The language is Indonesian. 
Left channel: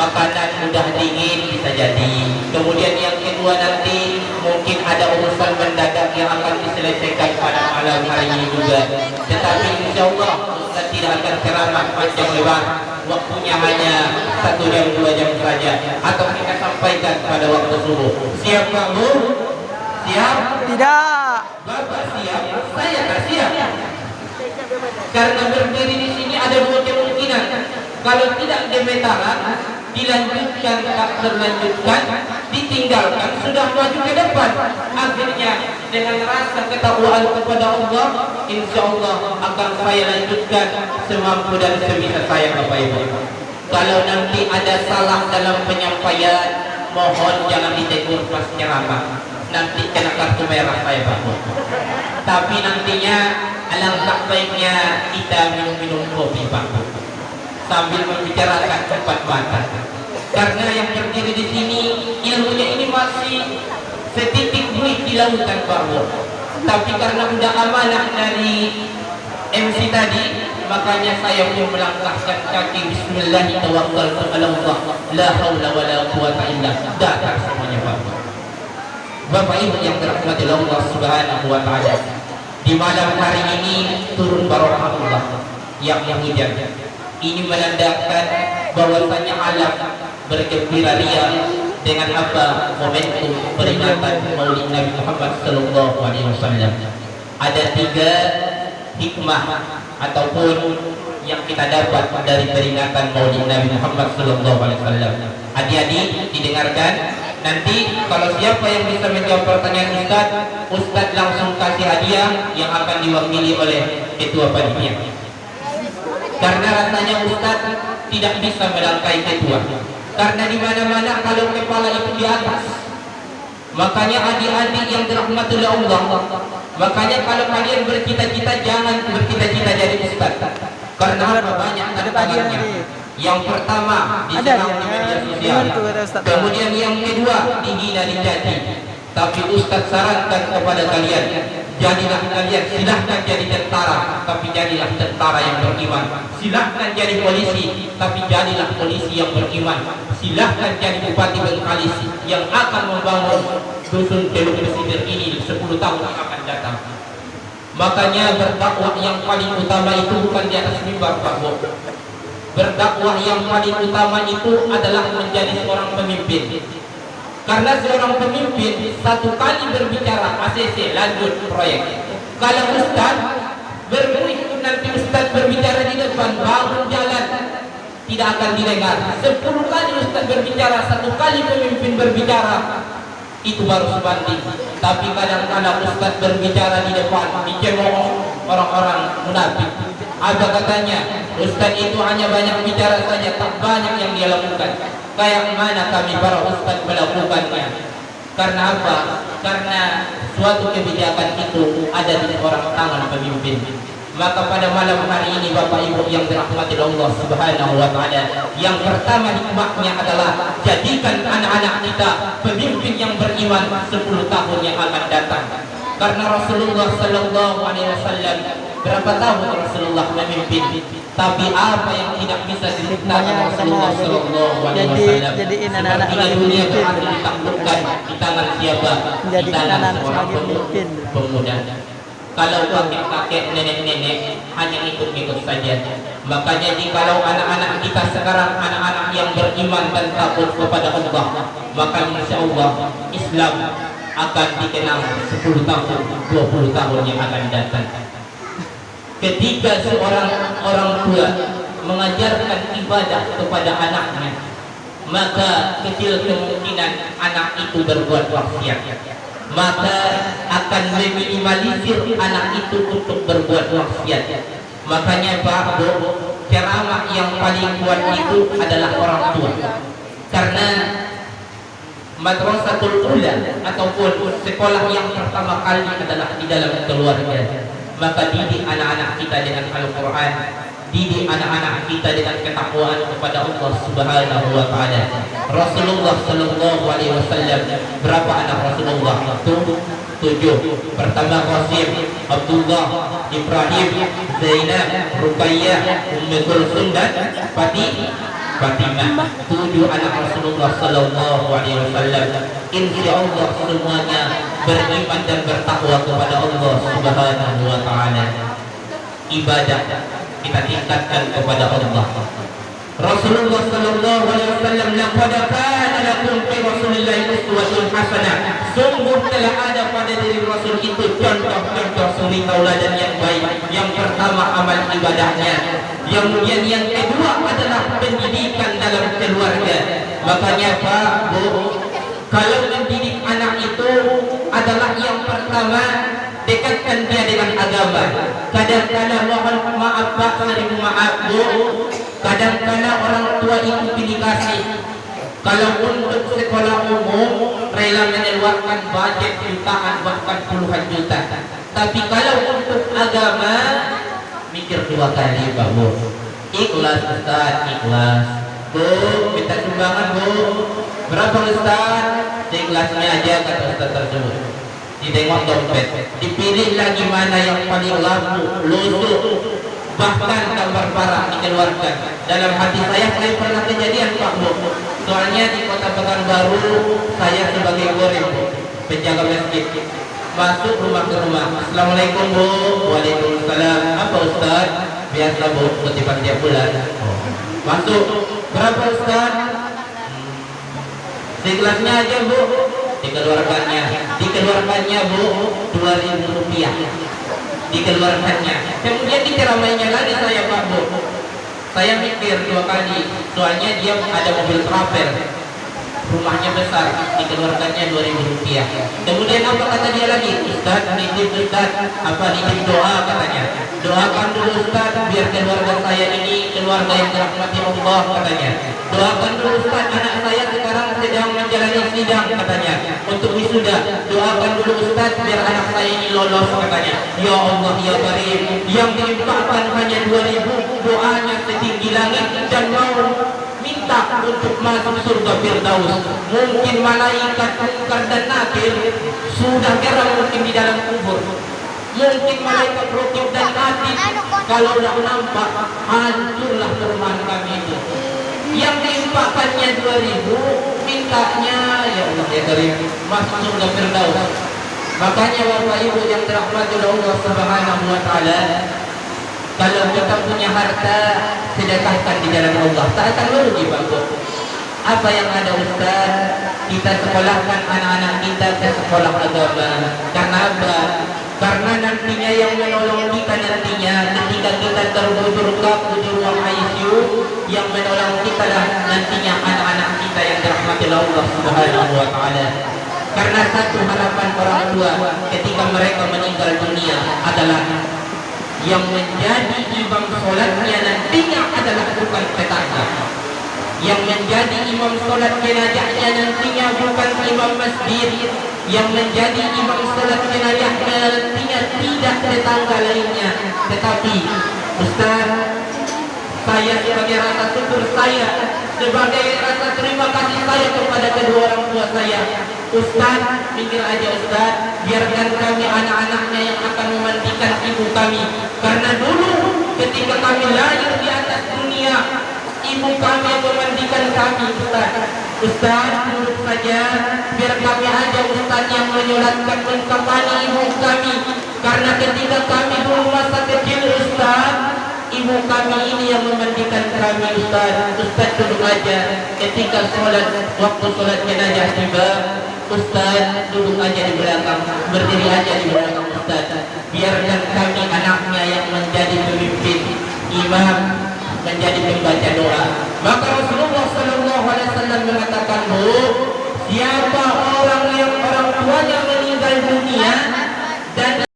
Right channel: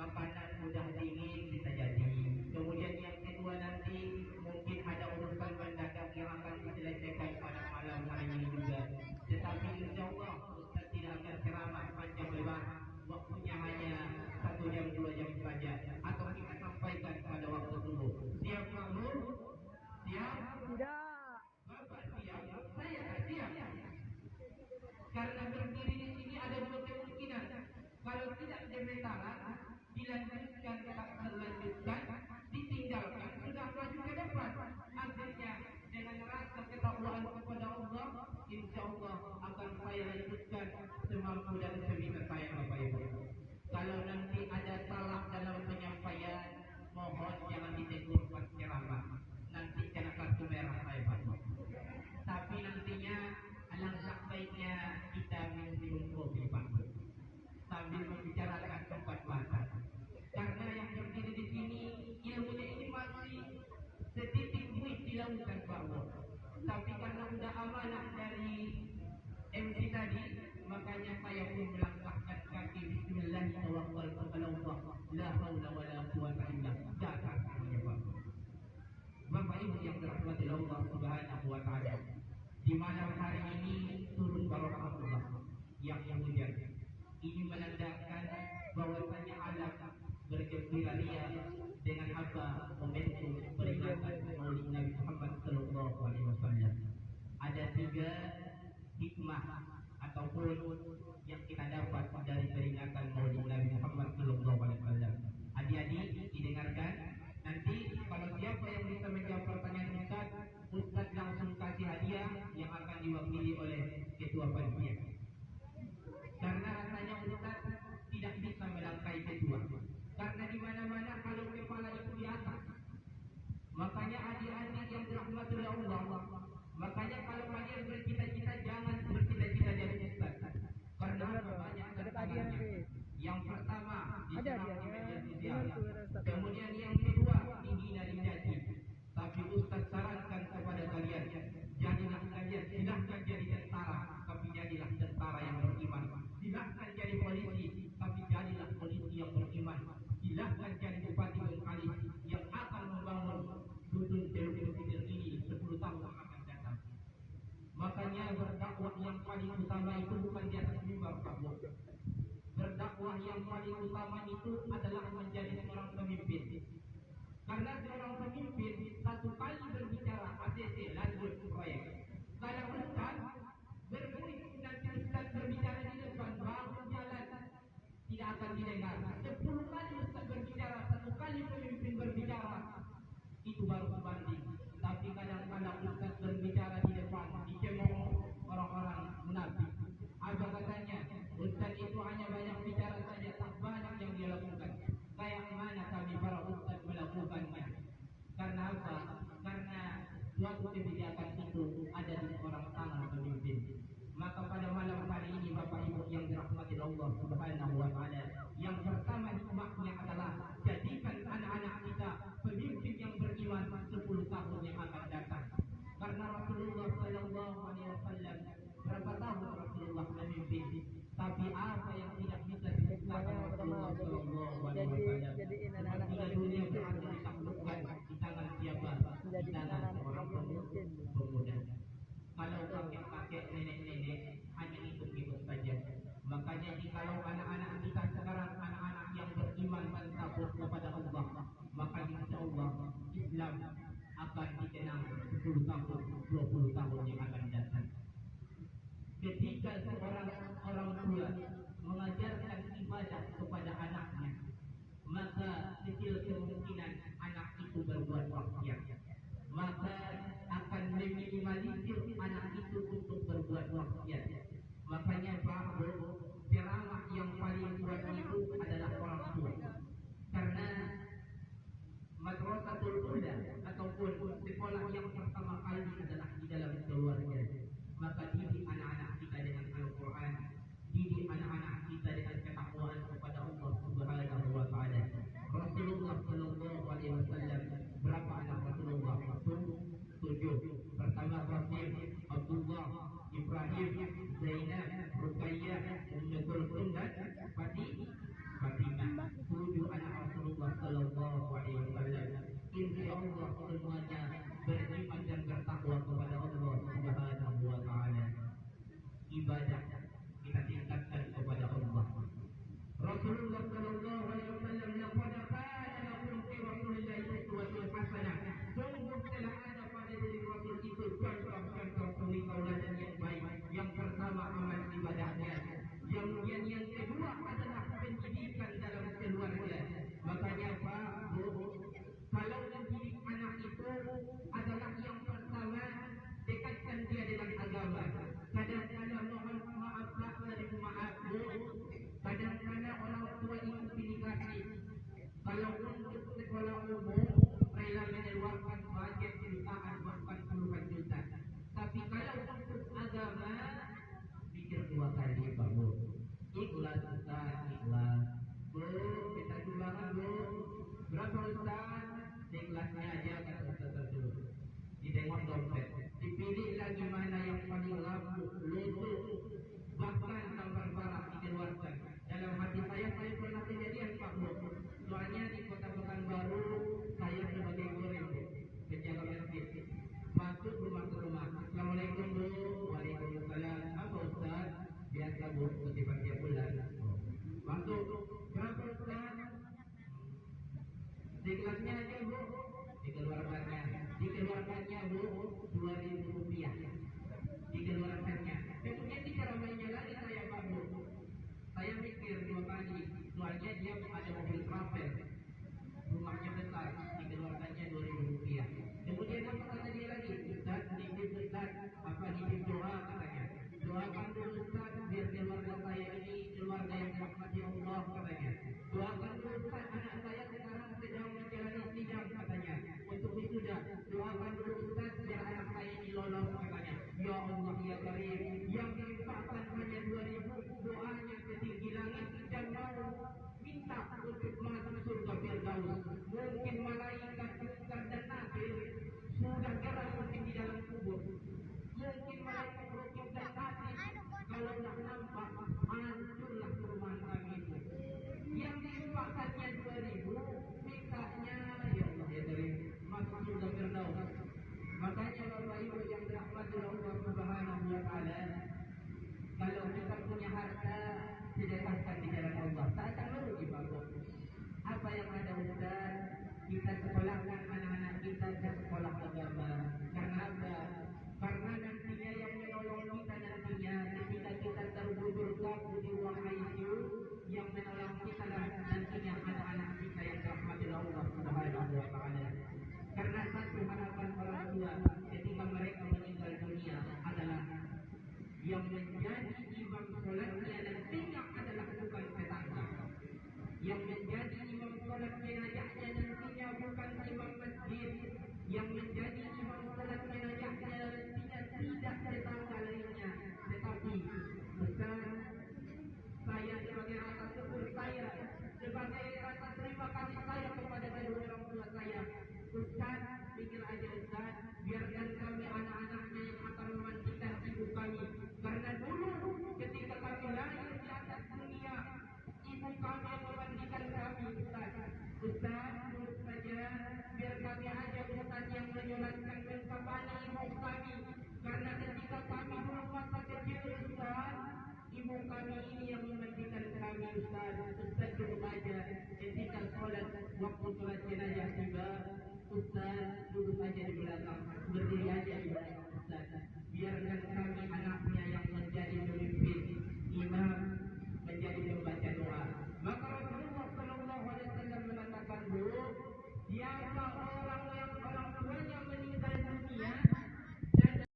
makanan mudah dingin bisa jadi. Kemudian yang kedua nanti mungkin ada urusan mendadak yang akan diselesaikan pada malam hari ini juga. Tetapi insya Allah Ustaz tidak akan ceramah panjang lebar, waktunya hanya 1 jam 2 jam saja, atau kita sampaikan pada waktu subuh. Siap Pak Bu? Siap? Tidak. Bapak siap? Saya tak siap. Karena berdiri di sini ada 2 kemungkinan. Kalau tidak gemetaran, dilanjutkan tak terlanjutkan, ditinggalkan sudah maju ke depan. Akhirnya dengan rasa ketakwaan kepada Allah, insya Allah akan saya lanjutkan semampu dan sebisa saya Bapak Ibu. Kalau nanti ada salah dalam penyampaian, mohon jangan ditegur pas ceramah. Nanti kena kartu merah saya Pak. Tapi nantinya alangkah baiknya kita minum-minum kopi Pak, sambil membicarakan empat mata. Karena yang berdiri di sini ilmunya ini masih setitik buih di lautan Pak. Tapi karena udah amanah dari MC tadi, makanya saya pun melangkahkan kaki Bismillahirrahmanirrahim. La haula wala quwata illa billah. Datang semuanya Pak. Bapak Ibu yang dirahmati Allah Subhanahu wa taala, di malam hari ini turun barokah Allah yang hujan. Ini menandakan bahwasanya alam bergembira ria dengan apa momentum peringatan Maulid Nabi Muhammad sallallahu alaihi wasallam. Ada 3 hikmah ataupun yang kita dapat dari peringatan Maulid Nabi Muhammad sallallahu alaihi wasallam. Adik-adik didengarkan. Nanti kalau siapa yang bisa menjawab pertanyaan Ustaz langsung kasih hadiah yang akan diwakili oleh ketua panitia. Karena rasanya Ustaz tidak bisa melangkai ketua. Karena di mana-mana kalau kepala itu di atas. Makanya adik-adik yang dirahmati oleh Allah, makanya kalau kalian bercita-cita jangan bercita-cita jadi Ustaz. Karena apa? Banyak tantangannya. Yang pertama diserang di media sosial, kemudian yang kedua dihina dicaci. Tapi Ustaz sarankan kepada kalian, jadilah kalian, silahkan jadi tentara, tapi jadilah tentara yang beriman. Silahkan jadi polisi, tapi jadilah polisi yang beriman. Silahkan jadi bupati Bengkalis yang akan membangun dusun Teluk Besider ini 10 tahun yang akan datang. Makanya berdakwah yang paling utama itu bukan di atas mimbar Pak Bu. Berdakwah yang paling utama itu adalah menjadi seorang pemimpin. Karena seorang pemimpin satu kali berbicara ACC lanjut proyek. Kalau Ustaz berikut nanti Ustaz berbicara di depan bangun jalan tidak akan didengar. 10 kali Ustaz berbicara, 1 kali pemimpin berbicara, itu baru sebanding. Tapi kadang-kadang Ustaz berbicara di depan dicemooh orang-orang munafik. Apa katanya? Ustaz itu hanya banyak bicara saja, tak banyak yang dia lakukan. Kayak mana kami para ustaz melakukannya? Karena apa? Karena suatu kebijakan itu ada di seorang tangan pemimpin. Maka pada malam hari ini Bapak Ibu yang dirahmati Allah Subhanahu wa taala, yang pertama hikmahnya adalah jadikan anak-anak kita pemimpin yang beriman 10 tahun yang akan datang. Karena Rasulullah sallallahu alaihi wasallam berapa tahun Rasulullah memimpin, tapi apa yang tidak bisa diceritakan Rasulullah sallallahu alaihi wasallam. Jadiin anak-anak sebagai dunia pemimpin. berhasil ditaklukkan di tangan siapa? Di tangan anak-anak seorang sebagai pemimpin. pemuda. Kalau kakek-kakek, nenek-nenek hanya ikut-ikut saja. Makanya jikalau anak-anak kita sekarang anak-anak yang beriman dan takut kepada Allah, maka insya Allah Islam akan dikenal 10 tahun, 20 tahun yang akan datang. Ketika seorang orang tua mengajarkan ibadah kepada anaknya, maka kecil kemungkinan anak itu berbuat maksiat. Maka akan meminimalisir anak itu untuk berbuat maksiat. Makanya Pak Bu, ceramah yang paling kuat itu adalah orang tua. Karena madrasatul ula ataupun sekolah yang pertama kali adalah di dalam keluarga. Maka didik anak-anak kita dengan Al-Quran, didik anak-anak kita dengan ketakwaan kepada Allah Subhanahu wa taala. Rasulullah sallallahu alaihi wasallam, berapa anak Rasulullah? 7. Pertama Qasim, Abdullah, Ibrahim, Zainab, Ruqayyah, Ummu Kulsum dan Fatimah, 7 anak Rasulullah Sallallahu Alaihi Wasallam. Insya Allah semuanya beriman dan bertakwa kepada Allah Subhanahu Wa Taala. Ibadah kita tingkatkan kepada Allah. Rasulullah Sallallahu Alaihi Wasallam, laqad kana lakum fi Rasulillahi uswatun hasanah. Sungguh telah ada pada diri Rasul itu contoh-contoh suri tauladan yang baik. Yang pertama amal ibadahnya, yang kemudian yang kedua adalah pendidikan dalam keluarga. Makanya Pak, Bu, kalau mendidik anak itu adalah yang pertama, dekatkan dia dengan agama. Kadang-kadang mohon maaf Pak, sering maaf Bu, kadang-kadang orang tua itu pilih kasih. Kalau untuk sekolah umum rela mengeluarkan budget jutaan bahkan puluhan juta. Tapi kalau untuk agama mikir 2 kali Pak Bu. Ikhlas Ustaz, ikhlas. Bu, minta sumbangan Bu. Berapa Ustaz? Seikhlasnya aja kata Ustaz tersebut. Ditengok dompet, dipilih lagi mana yang paling laku, lusuk, bahkan gambar parah dikeluarkan. Dalam hati saya pernah kejadian Pak Bu. Soalnya di Kota Pekanbaru saya sebagai goreng penjaga masjid, masuk rumah ke rumah. Assalamualaikum Bu. Waalaikumsalam. Apa Ustaz? Biasa Bu, kutipan tiap bulan. Masuk. Berapa Ustaz? Seikhlasnya aja Bu. Dikeluarkannya Bu 2.000 rupiah. Dikeluarkannya. Kemudian diceramainya lagi saya Pak Bu. Saya mikir 2 kali. Soalnya dia ada mobil travel, rumahnya besar, dikeluarkannya 2.000 rupiah. Kemudian apa kata dia lagi? Ustaz, nitip Ustaz, apa nitip doa katanya. Doakan dulu Ustaz biar keluarga saya ini keluarga yang dirahmati Allah katanya. Doakan dulu Ustaz, anak saya sekarang sedang menjalani sidang katanya untuk wisuda. Doakan dulu Ustaz biar anak saya ini lolos katanya. Ya Allah ya Karim, yang diimpakan hanya 2.000, doanya setinggi langit dan mau minta untuk masuk surga Firdaus. Mungkin malaikat Munkar dan Nakir sudah geram mungkin di dalam kubur. Mungkin malaikat Rukib dan Atid kalau sudah nampak hancurlah perumahan kami itu. Yang diimpakannya 2.000, mintanya ya Allah ya Karim masuk surga Firdaus. Makanya Bapak Ibu yang dirahmati oleh Allah Subhanahu Wa Taala, kalau kita punya harta, sedekahkan di jalan Allah. Tak akan merugi Pak Bu. Apa yang ada Ustaz? Kita sekolahkan anak-anak kita ke sekolah agama. Karena apa? Karena nantinya yang menolong kita nantinya ketika kita terbujur kaku di ruang ICU, yang menolong kita lah nantinya anak-anak kita yang dirahmati oleh Allah Subhanahu Wa Taala. Karena satu harapan orang tua ketika mereka meninggal dunia adalah yang menjadi imam sholatnya nantinya adalah bukan tetangga. Yang menjadi imam sholat jenazahnya nantinya bukan imam masjid. Yang menjadi imam sholat jenazahnya nantinya tidak tetangga lainnya. Tetapi Ustaz, saya sebagai rasa syukur saya, sebagai rasa terima kasih saya kepada kedua orang tua saya, Ustaz, pikir aja Ustaz, biarkan kami anak-anaknya yang akan memandikan ibu kami. Karena dulu ketika kami lahir di atas dunia, ibu kami yang memandikan kami Ustaz. Ustaz, duduk saja, biar kami aja Ustaz yang menyolatkan mengkafani ibu kami. Karena ketika kami dulu masa kecil Ustaz, ibu kami ini yang memandikan kami Ustaz. Ustaz duduk aja, ketika sholat, waktu sholat jenazah tiba, Ustaz duduk aja di belakang, berdiri aja di belakang Ustaz. Biarkan kami